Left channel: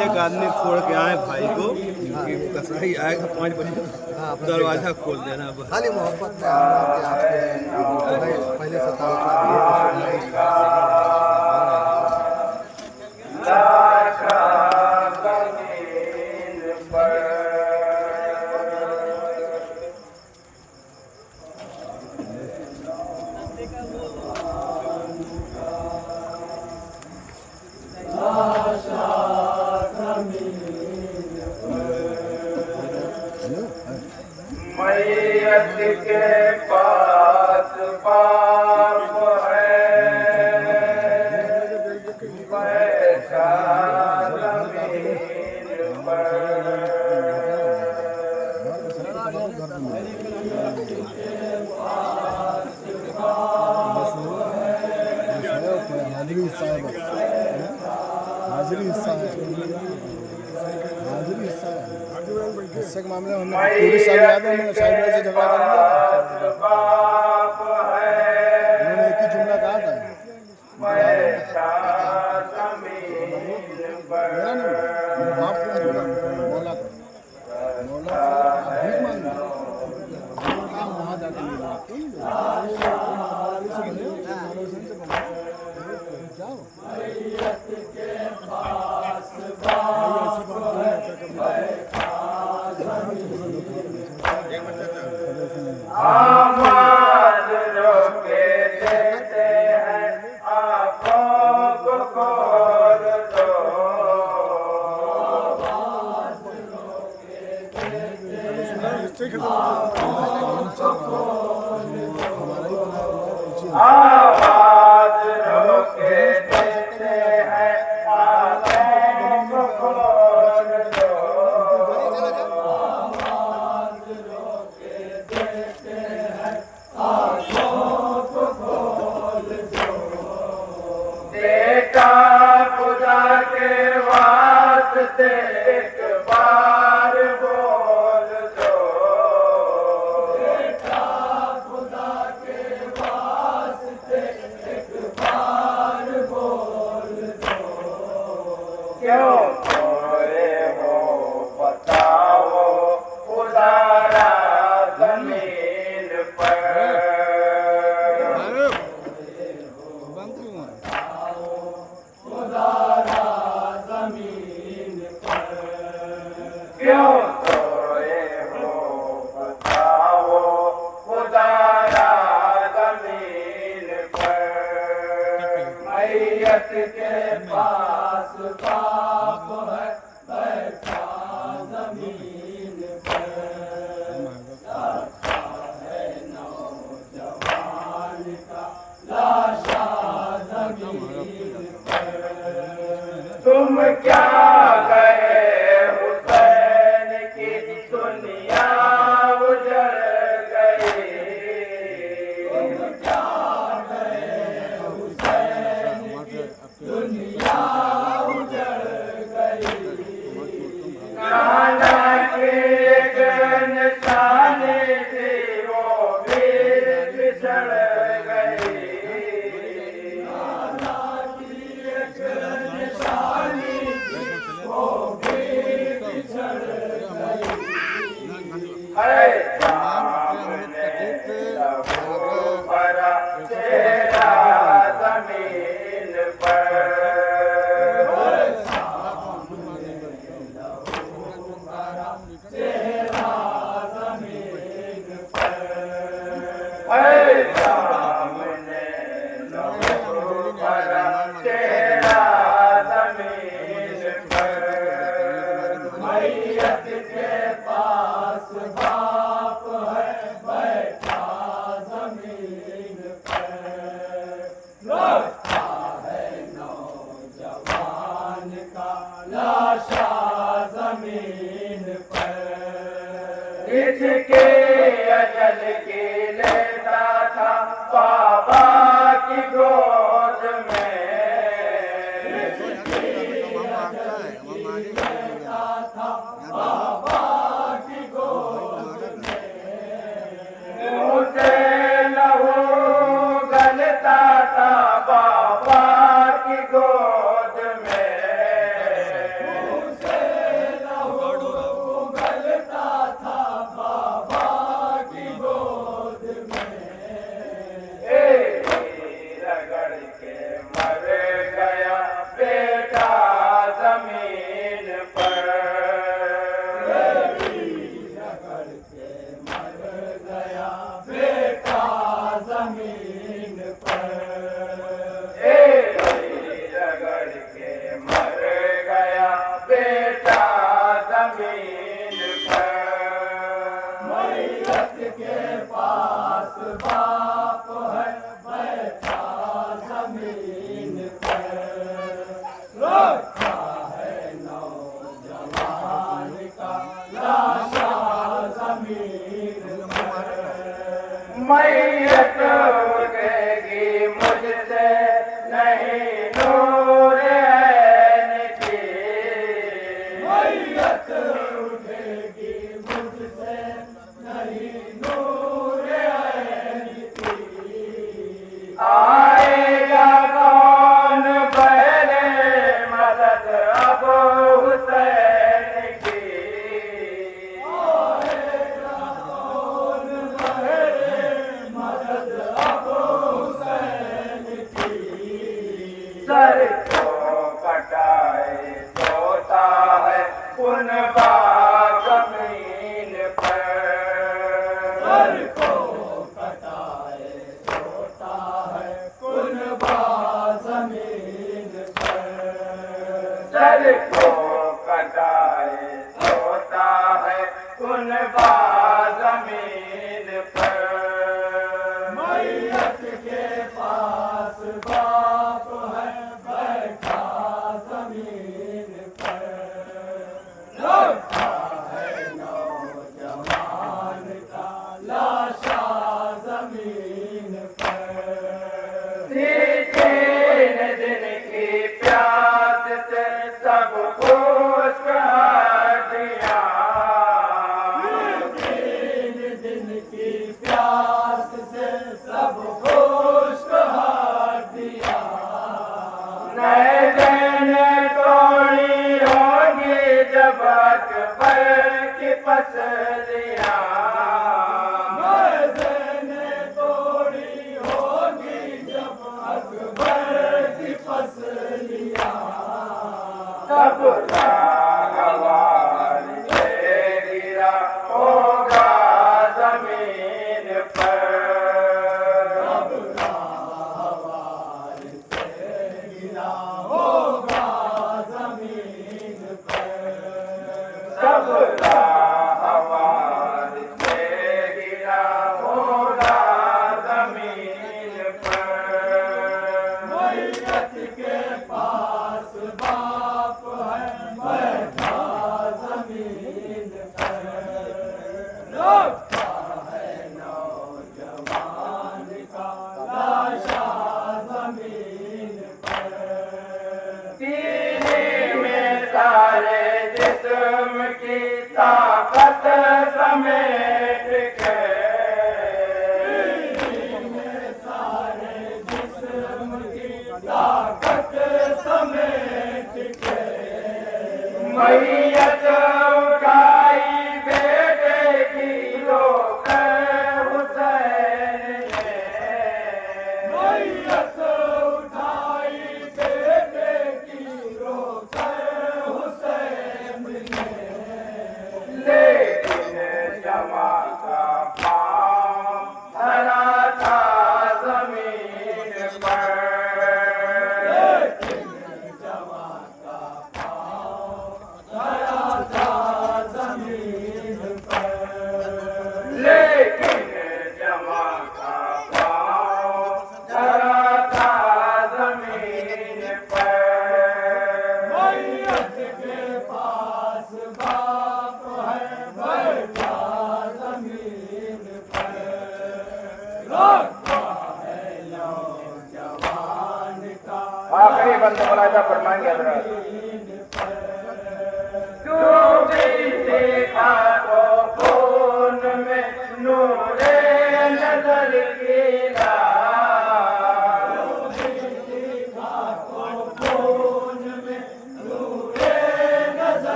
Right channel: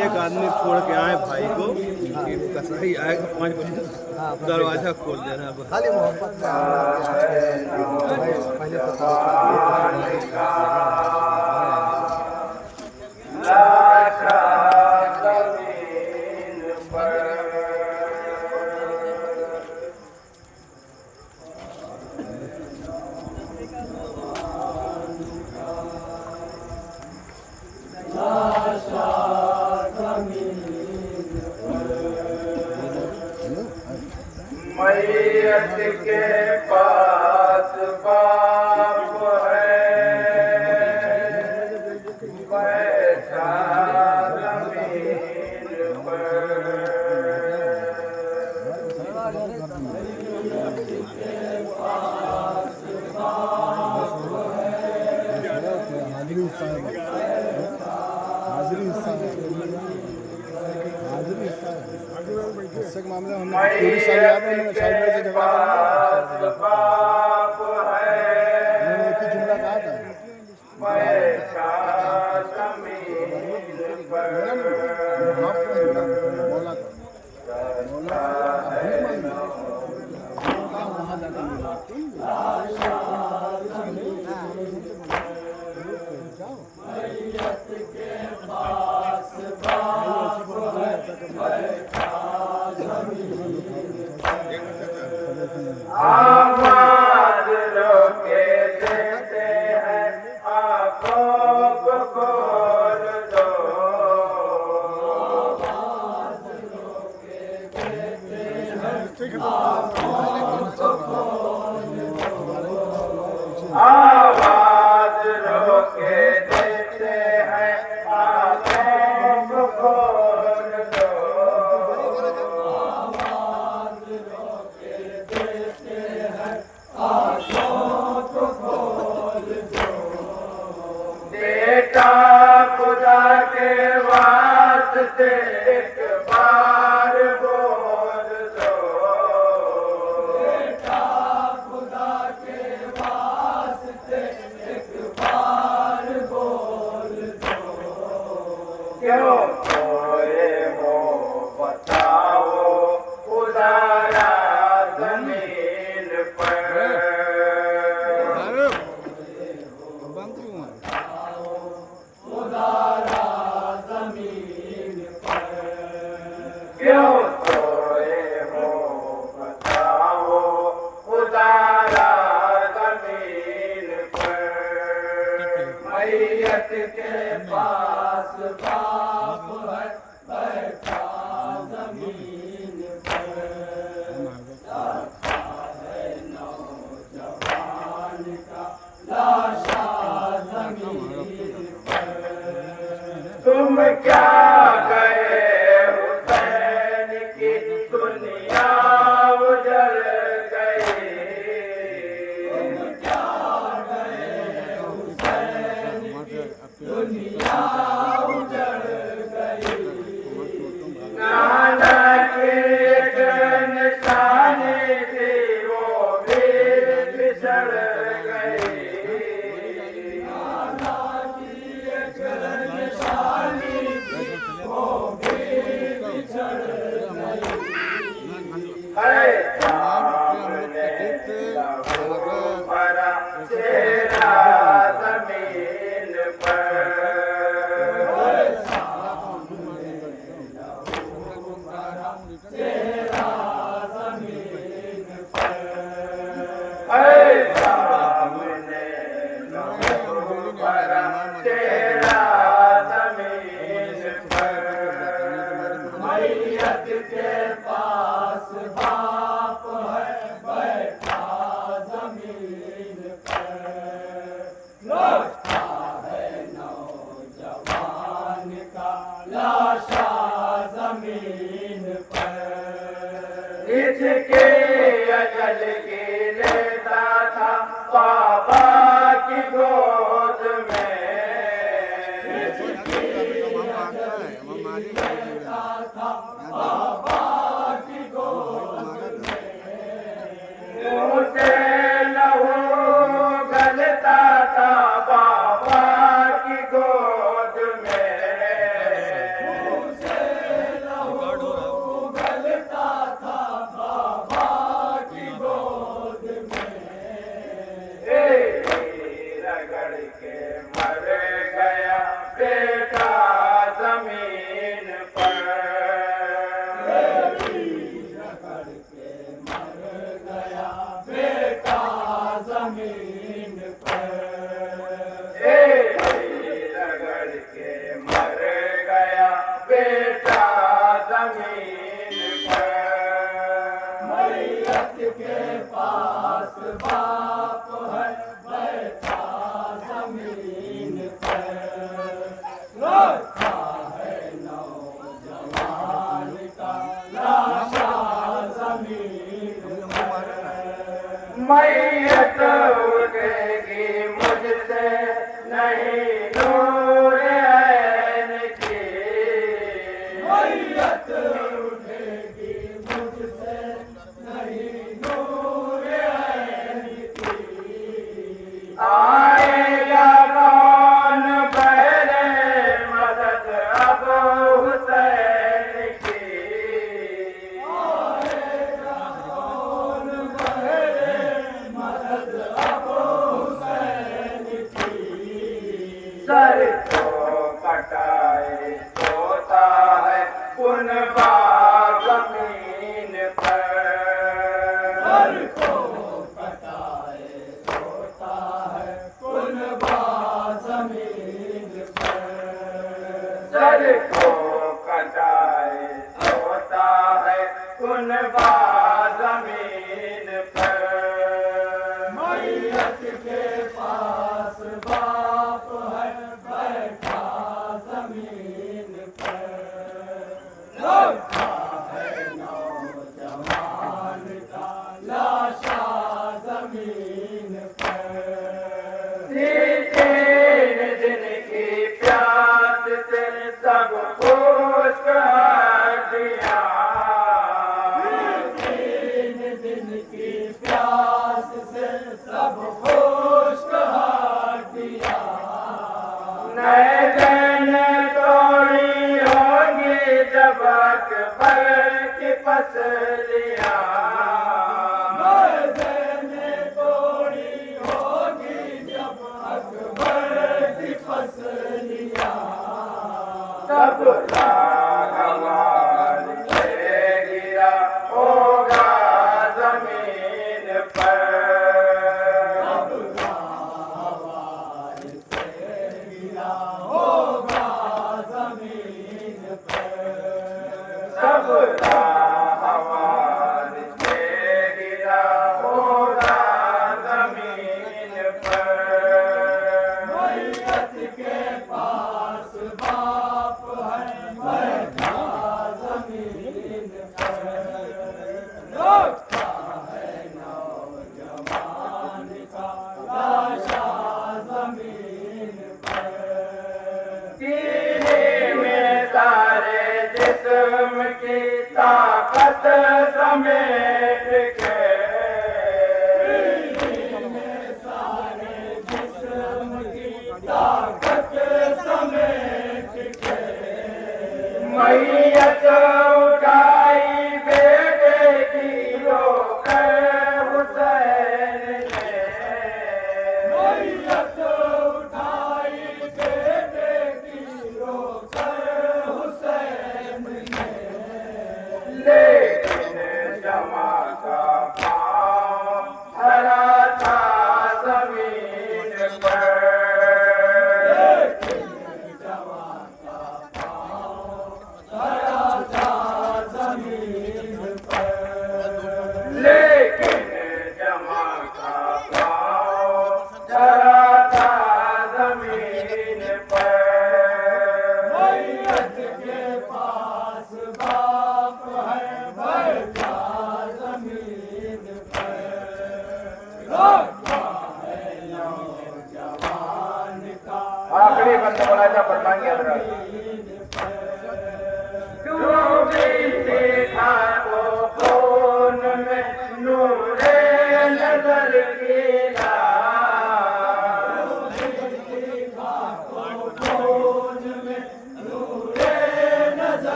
एक आदमी छोड़ के आए भाई को कि कसराई आएगा 5 बजे दरवाजा खोल देना खाली मोहब्बत पहले से मैयत के पास बाप है बैठा ज़मीन पर हिस्से के मामले में हमें पूरी साल याद है, मैंने साइड से झगड़ा कर लिया, उन्होंने एक ही जुमला कहा था, मौला का वहाँ जाकर आवाज रोके देते हैं आँखों को खोल दो आवाज रोके देते हैं आँखों को खोल दो आवाज रोके देते हैं आँखों को खोल दो आवाज रोके देते हैं आँखों को खोल दो बेटा खुदा के वास्ते एक बार बोल दो बेटा खुदा के वास्ते एक बार बोल दो क्यों चेहरा जमीन पर है सामने चेहरा जमीन पर मैयत के पास बाप है बैठा जमीन पर लौटा है नौजवान का लाशा जमीन पर इसके अजल के लेता था बाबा की गोद में लेता था बाबा की गोद में उसे लहू गलता था बाबा की गोद में उसे लहू गलता था बाबा की गोद में रगड़ के मर गया बेटा जमीन पर रगड़ के मर गया बेटा जमीन पर रगड़ के मर गया बेटा जमीन पर मैयत के पास बाप है बैठा जमीन पर लौटा है नौजवान का लाशा जमीन पर मैयत उठेगी मुझसे नहीं नूर ऐन की मैयत उठेगी मुझसे नहीं नूर ऐन की आएगा कौन पहले मदद अब हुसैन की आएगा कौन पहले मदद अब हुसैन की सर को कटाए सोता है कुनबा जमीन पर सर को कटाए सोता है कुनबा जमीन पर सर को कटाए सोता है कुनबा जमीन पर मैयत के पास बाप है बैठा जमीन पर लौटा है नौजवान का लाशा जमीन पर तीन दिन की प्यास से सब खुश हड्डियां तीन दिन की प्यास से सब खुश हड्डियां नैन तोड़ी होगी जब अकबर की पसलियां नैन तोड़ी होगी जब अकबर की पसलियां तब राहवान से गिरा होगा जमीन पर तब राहवान से गिरा होगा जमीन पर तब राहवान से गिरा होगा जमीन पर मैयत के पास बाप है बैठा जमीन पर लौटा है नौजवान का लाशा जमीन पर सीने में सारे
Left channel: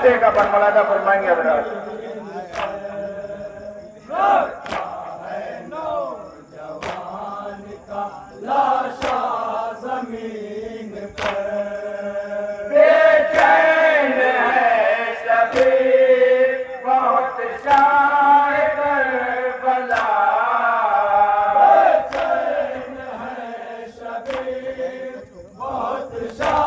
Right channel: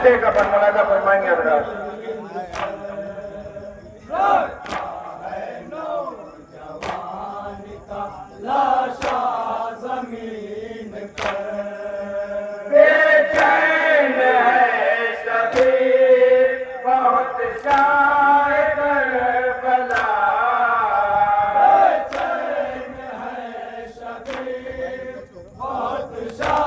हफ्ते का बनवाना था फरमाएंगे हजरात। नौजवान का लाशा जमीन पर बेचैन है शबीर बहुत शाए करबला, बेचैन है शबीर बहुत शाह